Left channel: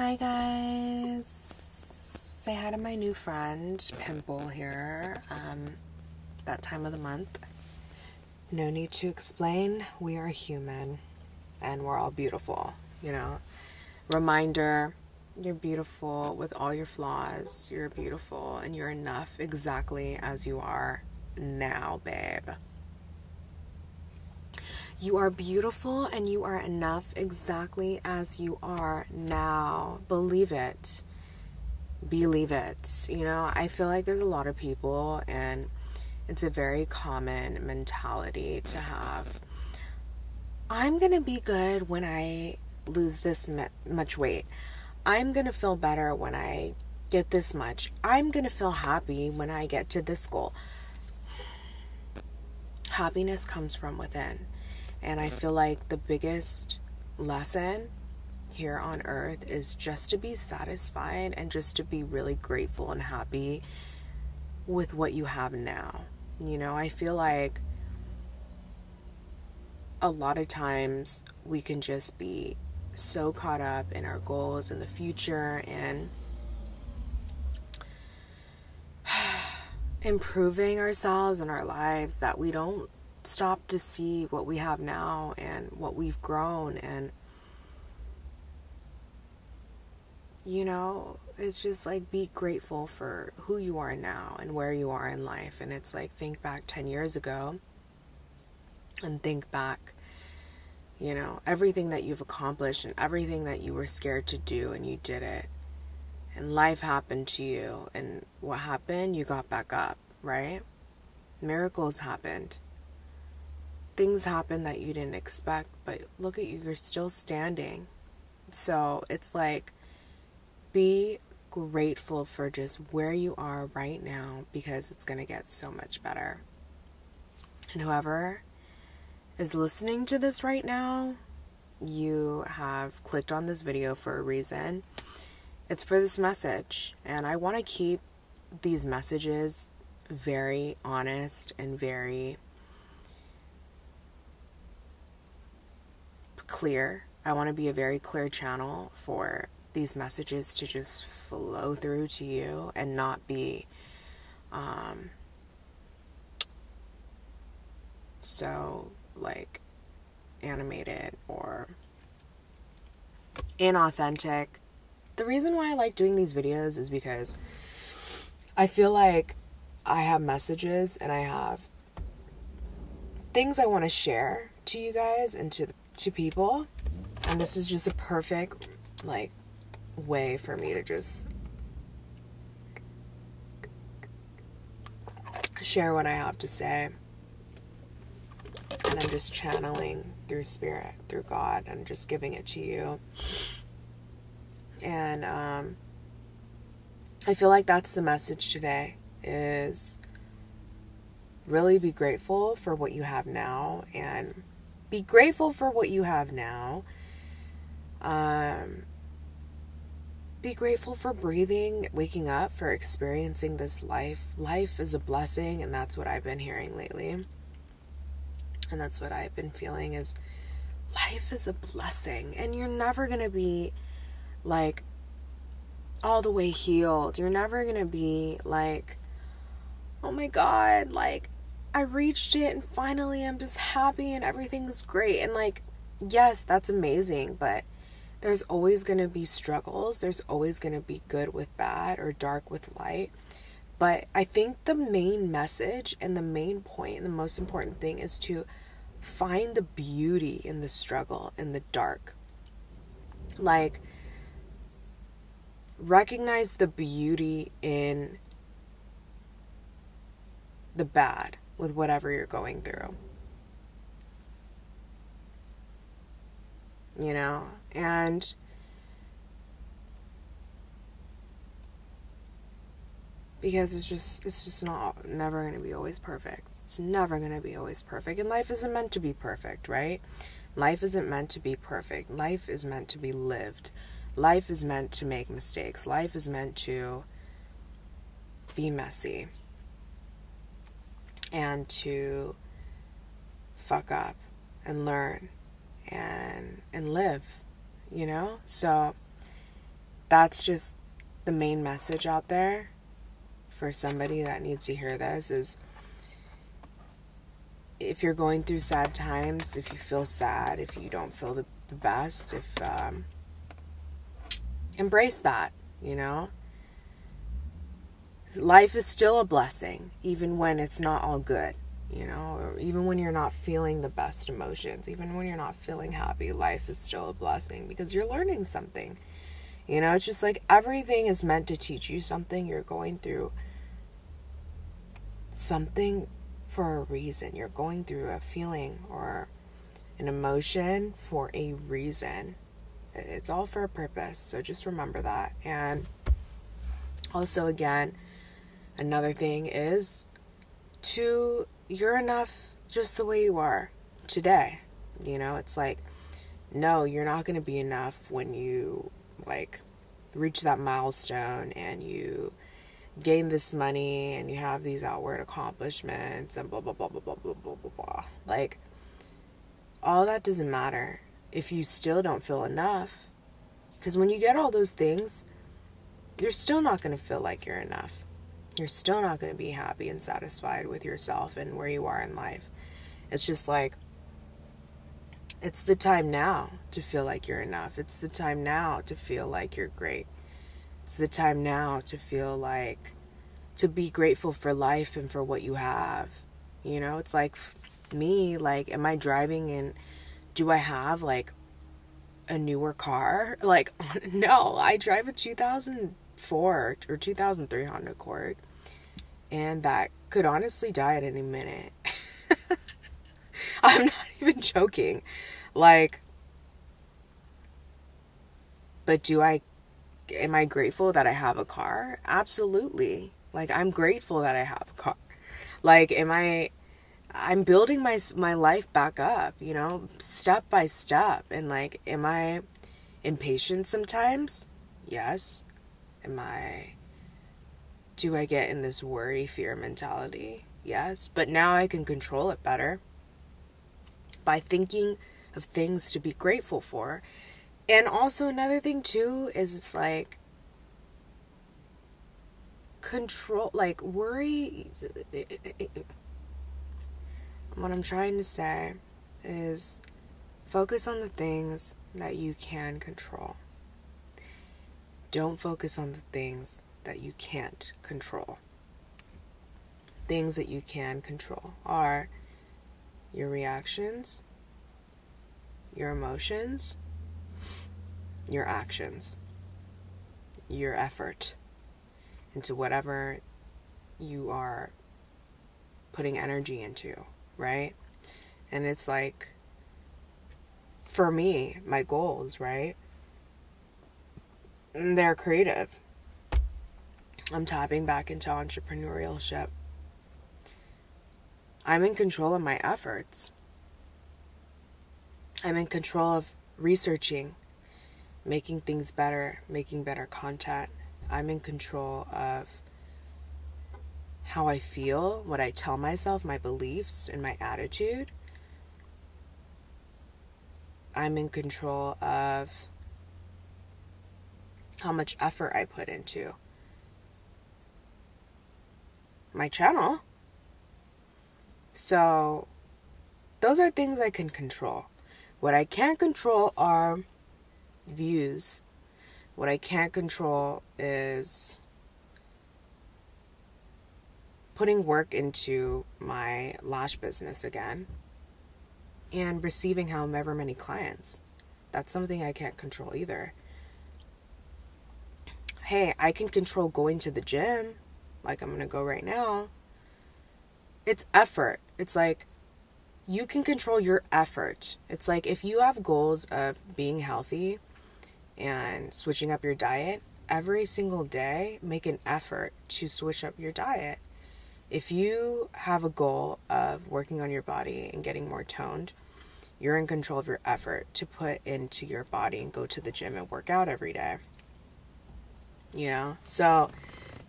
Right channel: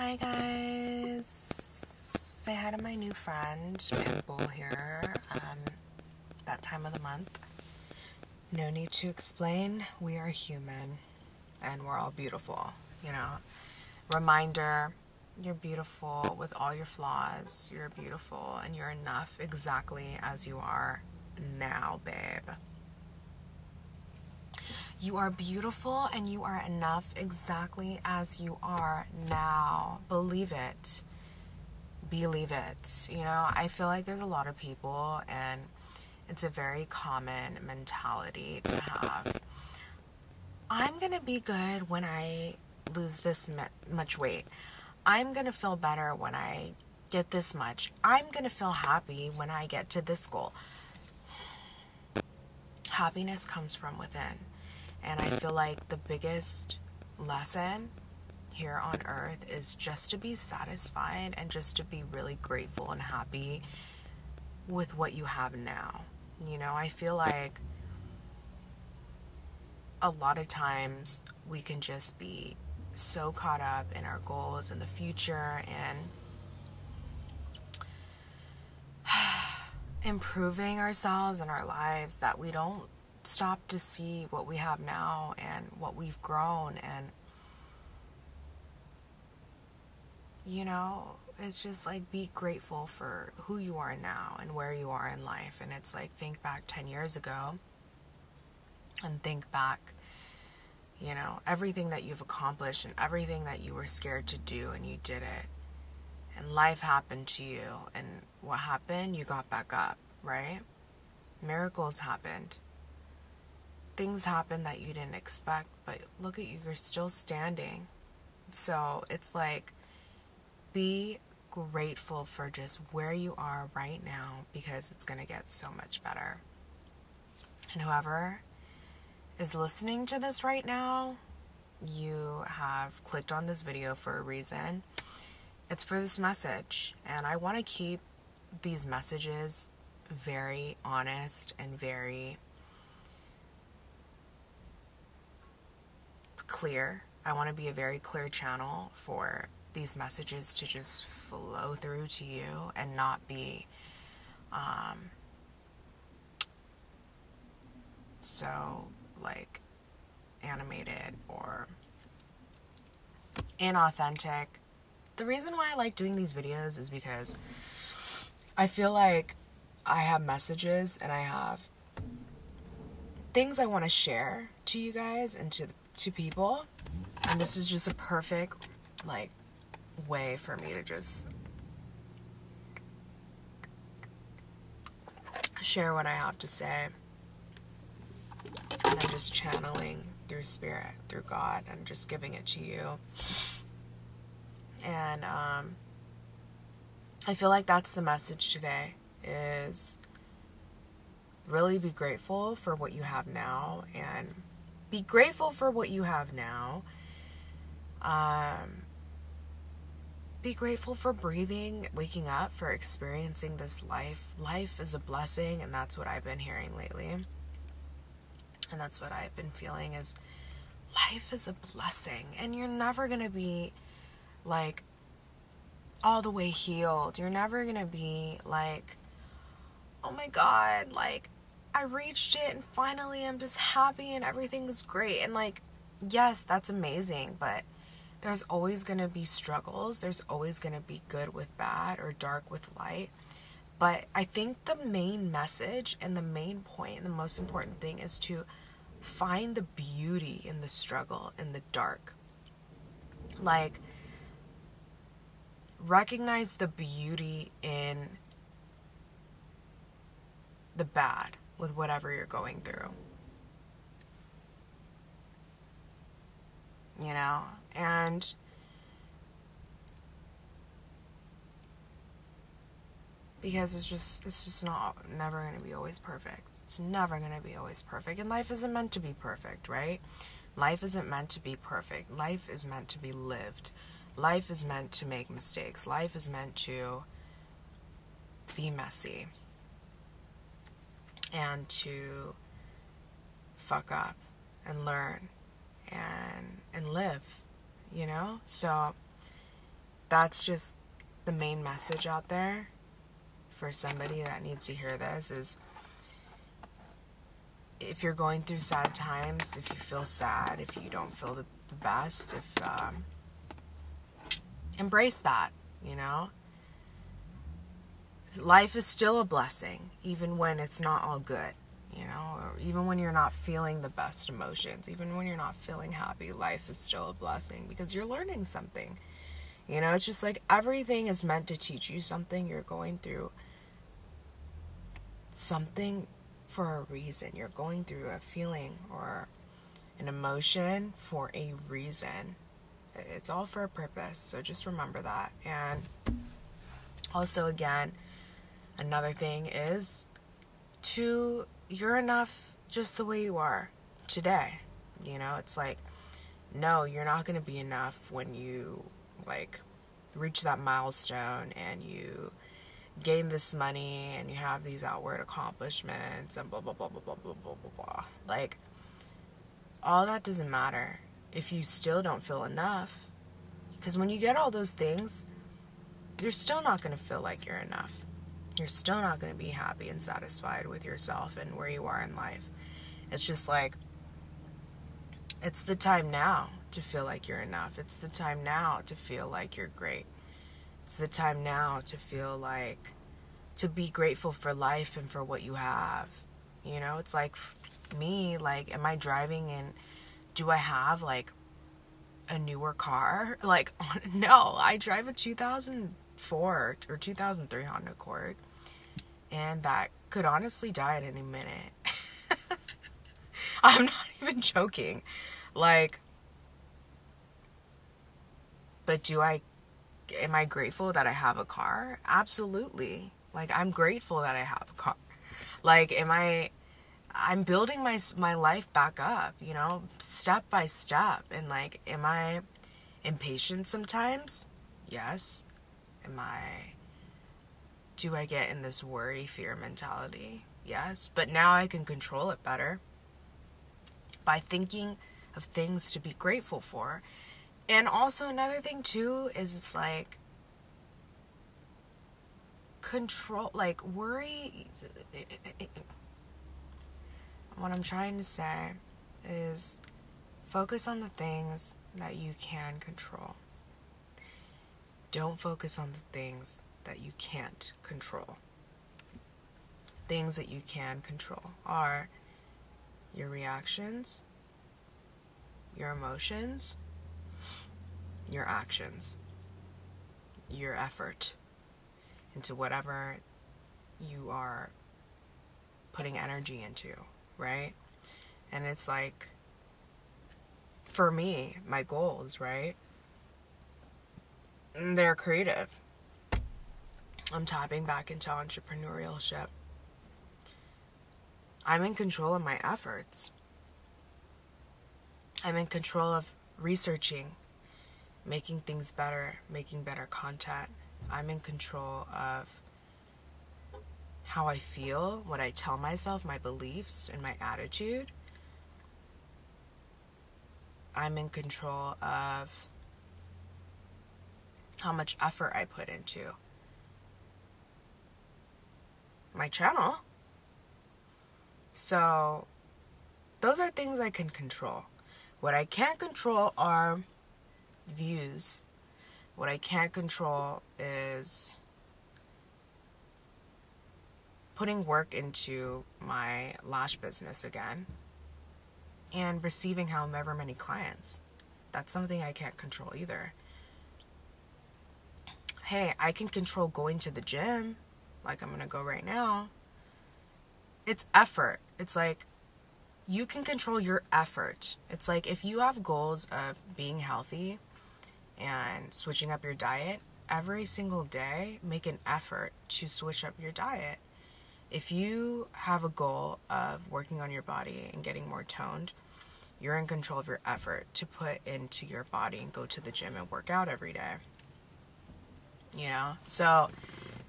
Hi guys, say hi to my new friend, Pimple here, that time of the month. No need to explain, we are human, and we're all beautiful, you know. Reminder, you're beautiful with all your flaws, you're beautiful, and you're enough exactly as you are now, babe. You are beautiful and you are enough exactly as you are now. Believe it. Believe it. You know, I feel like there's a lot of people, and it's a very common mentality to have. I'm going to be good when I lose this much weight. I'm going to feel better when I get this much. I'm going to feel happy when I get to this goal. Happiness comes from within. And I feel like the biggest lesson here on earth is just to be satisfied and just to be really grateful and happy with what you have now. You know, I feel like a lot of times we can just be so caught up in our goals in the future and improving ourselves and our lives that we don't stop to see what we have now and what we've grown. And you know, it's just like, be grateful for who you are now and where you are in life. And it's like, think back 10 years ago and think back, you know, everything that you've accomplished and everything that you were scared to do, and you did it, and life happened to you, and what happened? You got back up, right? Miracles happened. Things happen that you didn't expect, but look at you, you're still standing. So it's like, be grateful for just where you are right now, because it's going to get so much better. And whoever is listening to this right now, you have clicked on this video for a reason. It's for this message, and I want to keep these messages very honest and very clear. I want to be a very clear channel for these messages to just flow through to you and not be so like animated or inauthentic. The reason why I like doing these videos is because I feel like I have messages and I have things I want to share to you guys and to people, and this is just a perfect like way for me to just share what I have to say. And I'm just channeling through spirit, through God, and just giving it to you. And I feel like that's the message today, is really be grateful for what you have now, and be grateful for what you have now. Be grateful for breathing, waking up, for experiencing this life. Life is a blessing, and that's what I've been hearing lately. And that's what I've been feeling, is life is a blessing. And you're never going to be, like, all the way healed. You're never going to be, like, oh my God, like, I reached it, and finally I'm just happy, and everything is great. And, like, yes, that's amazing, but there's always going to be struggles. There's always going to be good with bad or dark with light. But I think the main message and the main point and the most important thing is to find the beauty in the struggle, in the dark. Like, recognize the beauty in the bad with whatever you're going through. You know? And because it's just never going to be always perfect. It's never going to be always perfect. And life isn't meant to be perfect, right? Life isn't meant to be perfect. Life is meant to be lived. Life is meant to make mistakes. Life is meant to be messy and to fuck up and learn and live, you know? So that's just the main message out there for somebody that needs to hear this is, if you're going through sad times, if you feel sad, if you don't feel the best, embrace that, you know? Life is still a blessing, even when it's not all good, you know? Or even when you're not feeling the best emotions, even when you're not feeling happy, life is still a blessing because you're learning something. You know, it's just like everything is meant to teach you something. You're going through something for a reason. You're going through a feeling or an emotion for a reason. It's all for a purpose. So just remember that. And also, again, another thing is you're enough just the way you are today. You know, it's like, no, you're not going to be enough when you like reach that milestone and you gain this money and you have these outward accomplishments and blah, blah, blah, blah, blah, blah, blah, blah, blah. Like, all that doesn't matter if you still don't feel enough. Because when you get all those things, you're still not going to feel like you're enough. You're still not going to be happy and satisfied with yourself and where you are in life. It's just like, it's the time now to feel like you're enough. It's the time now to feel like you're great. It's the time now to feel like, to be grateful for life and for what you have. You know, it's like me, like, am I driving and do I have like a newer car? Like, no, I drive a 2004 or 2003 Honda Accord, and that could honestly die at any minute. I'm not even joking. Like, but am I grateful that I have a car? Absolutely. Like, I'm grateful that I have a car. Like, I'm building my life back up, you know, step by step. And like, am I impatient sometimes? Yes. Do I get in this worry, fear mentality? Yes. But now I can control it better by thinking of things to be grateful for. And also another thing too is, it's like, control, like, worry. What I'm trying to say is, focus on the things that you can control. Don't focus on the things that you can't control. Things that you can control are your reactions, your emotions, your actions, your effort into whatever you are putting energy into, right? And it's like, for me, my goals, right? They're creative. I'm tapping back into entrepreneurship. I'm in control of my efforts. I'm in control of researching, making things better, making better content. I'm in control of how I feel, what I tell myself, my beliefs, and my attitude. I'm in control of how much effort I put into my channel. So, those are things I can control. What I can't control are views. What I can't control is putting work into my lash business again and receiving however many clients. That's something I can't control either. Hey, I can control going to the gym, like I'm going to go right now. It's effort. It's like, you can control your effort. It's like, if you have goals of being healthy and switching up your diet, every single day, make an effort to switch up your diet. If you have a goal of working on your body and getting more toned, you're in control of your effort to put into your body and go to the gym and work out every day. You know? So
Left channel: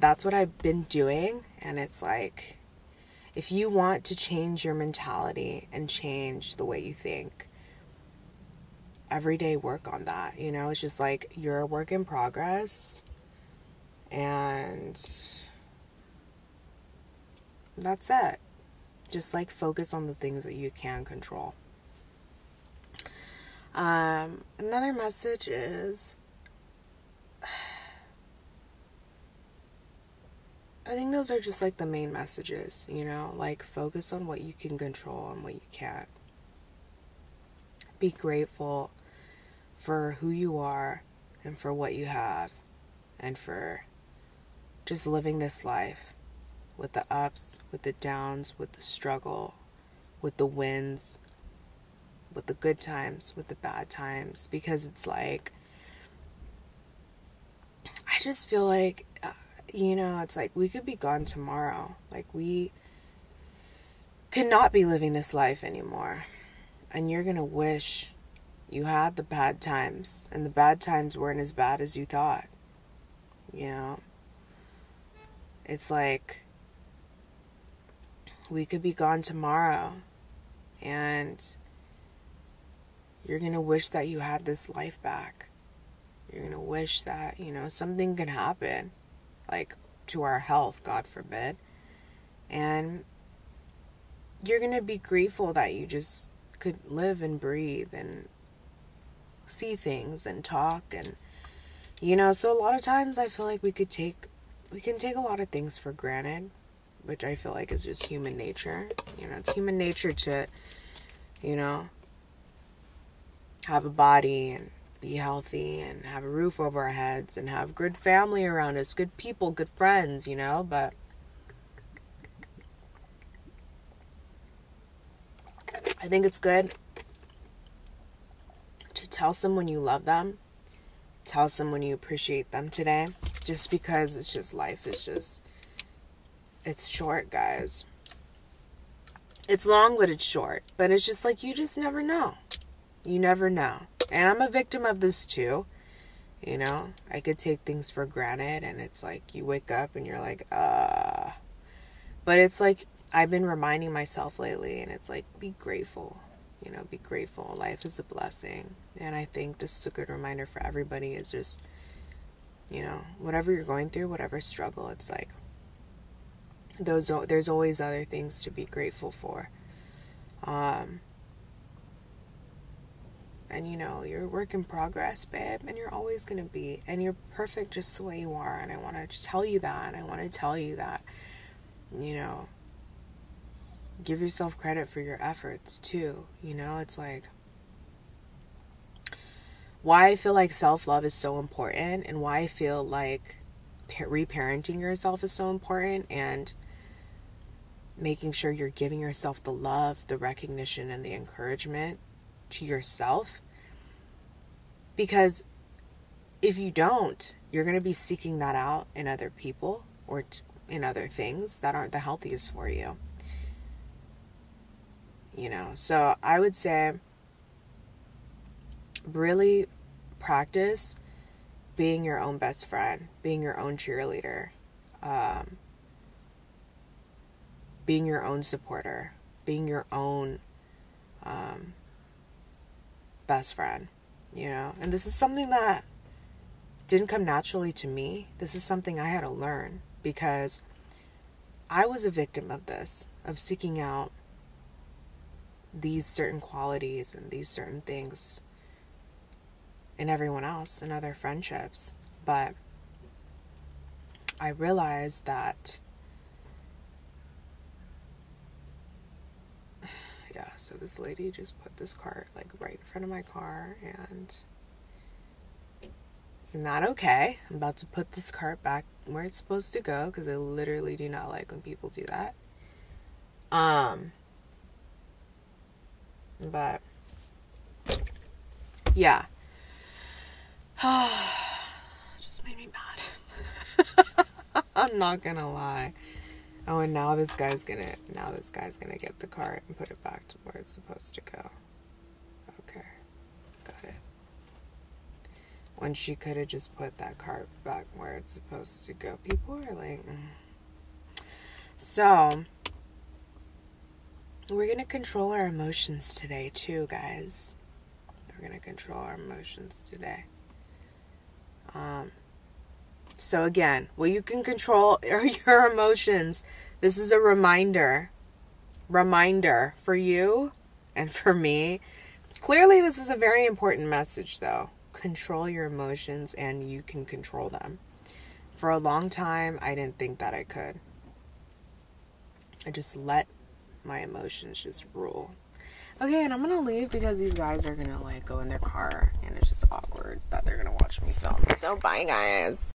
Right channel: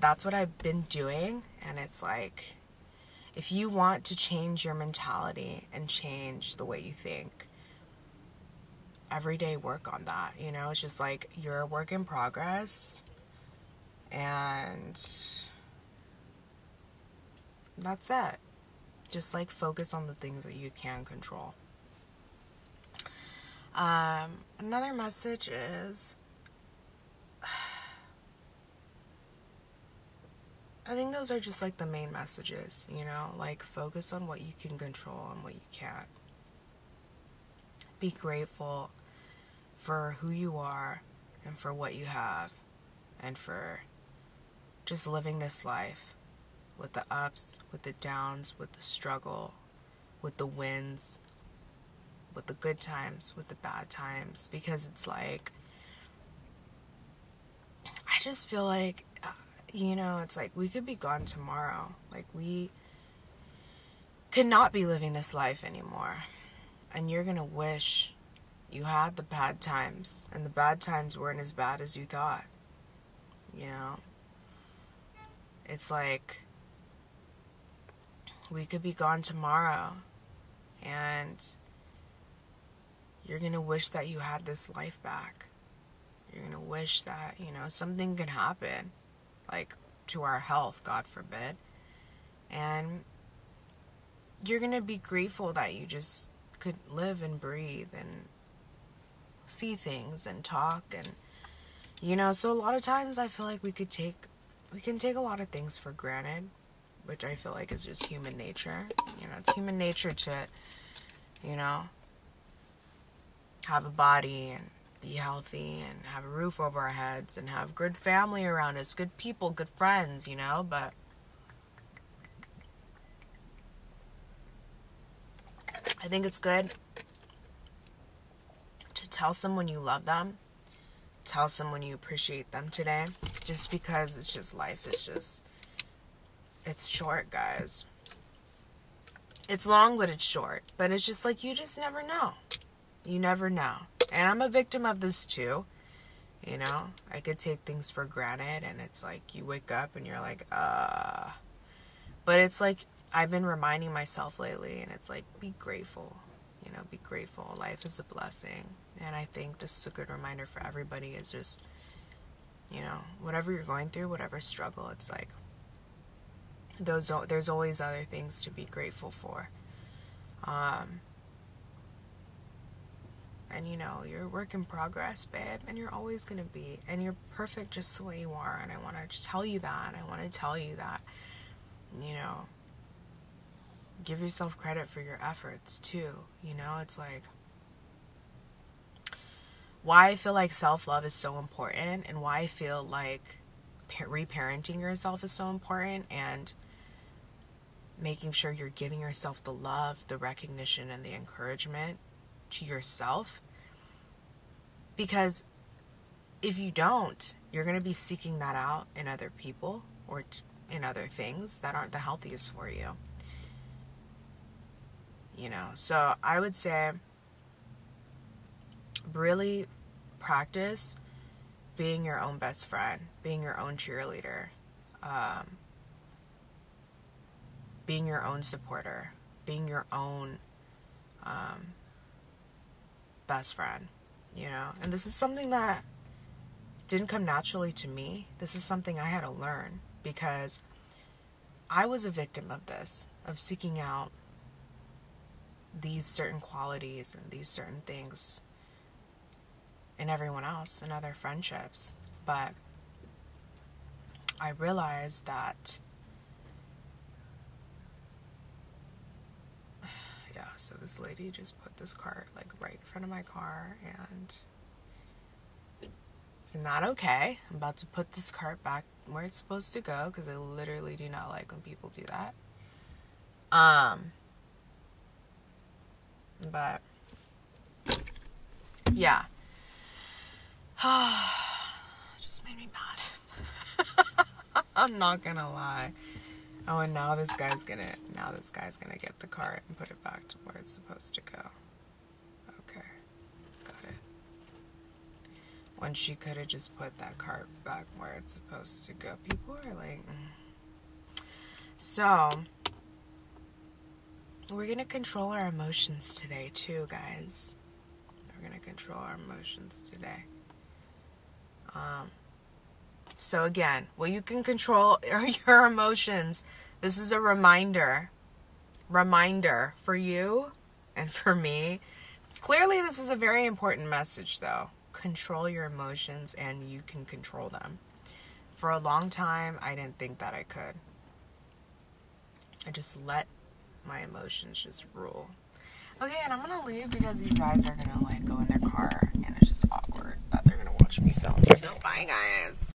that's what I've been doing. And it's like, if you want to change your mentality and change the way you think, everyday work on that. You know, it's just like you're a work in progress, and that's it. Just like focus on the things that you can control. Another message is, I think those are just like the main messages, you know, like focus on what you can control and what you can't. Be grateful for who you are and for what you have, and for just living this life with the ups, with the downs, with the struggle, with the wins, with the good times, with the bad times, because it's like, I just feel like, you know, it's like we could be gone tomorrow. Like we cannot be living this life anymore. And you're going to wish you had the bad times, and the bad times weren't as bad as you thought. You know? It's like we could be gone tomorrow, and you're going to wish that you had this life back. You're going to wish that, you know, something could happen, like to our health, God forbid. And you're going to be grateful that you just could live and breathe and see things and talk. And, you know, so a lot of times I feel like we can take a lot of things for granted, which I feel like is just human nature. You know, it's human nature to, you know, have a body and be healthy and have a roof over our heads and have good family around us, good people, good friends, you know, but I think it's good to tell someone you love them, tell someone you appreciate them today, just because it's just, life is just, it's short, guys. It's long, but it's short. But it's just like, you just never know. You never know. And I'm a victim of this too. You know, I could take things for granted, and it's like you wake up and you're like, But it's like, I've been reminding myself lately, and it's like, be grateful. You know, be grateful. Life is a blessing. And I think this is a good reminder for everybody, is just, you know, whatever you're going through, whatever struggle, it's like, there's always other things to be grateful for. And, you know, you're a work in progress, babe, and you're always going to be, and you're perfect just the way you are, and I want to tell you that, and I want to tell you that, you know, give yourself credit for your efforts, too, you know, it's like, why I feel like self-love is so important, and why I feel like reparenting yourself is so important, and making sure you're giving yourself the love, the recognition, and the encouragement to yourself. Because if you don't, you're going to be seeking that out in other people or in other things that aren't the healthiest for you. You know, so I would say really practice being your own best friend, being your own cheerleader, being your own supporter, being your own best friend, you know. And this is something that didn't come naturally to me. This is something I had to learn, because I was a victim of this, of seeking out these certain qualities and these certain things in everyone else and other friendships. But I realized that, yeah, so this lady just put this cart like right in front of my car, and it's not okay. I'm about to put this cart back where it's supposed to go, because I literally do not like when people do that. But yeah. Just made me mad. I'm not gonna lie. Oh, and now this guy's gonna get the cart and put it back to where it's supposed to go. Okay. Got it. When she could have just put that cart back where it's supposed to go. People are like, So, we're gonna control our emotions today too, guys. We're going to control our emotions today. So again, what you can control are your emotions. This is a reminder for you and for me. Clearly, this is a very important message, though. Control your emotions, and you can control them. For a long time, I didn't think that I could. I just let my emotions just rule. Okay, and I'm gonna leave because these guys are gonna like go in their car, and it's just awkward that they're gonna watch me film. So bye, guys.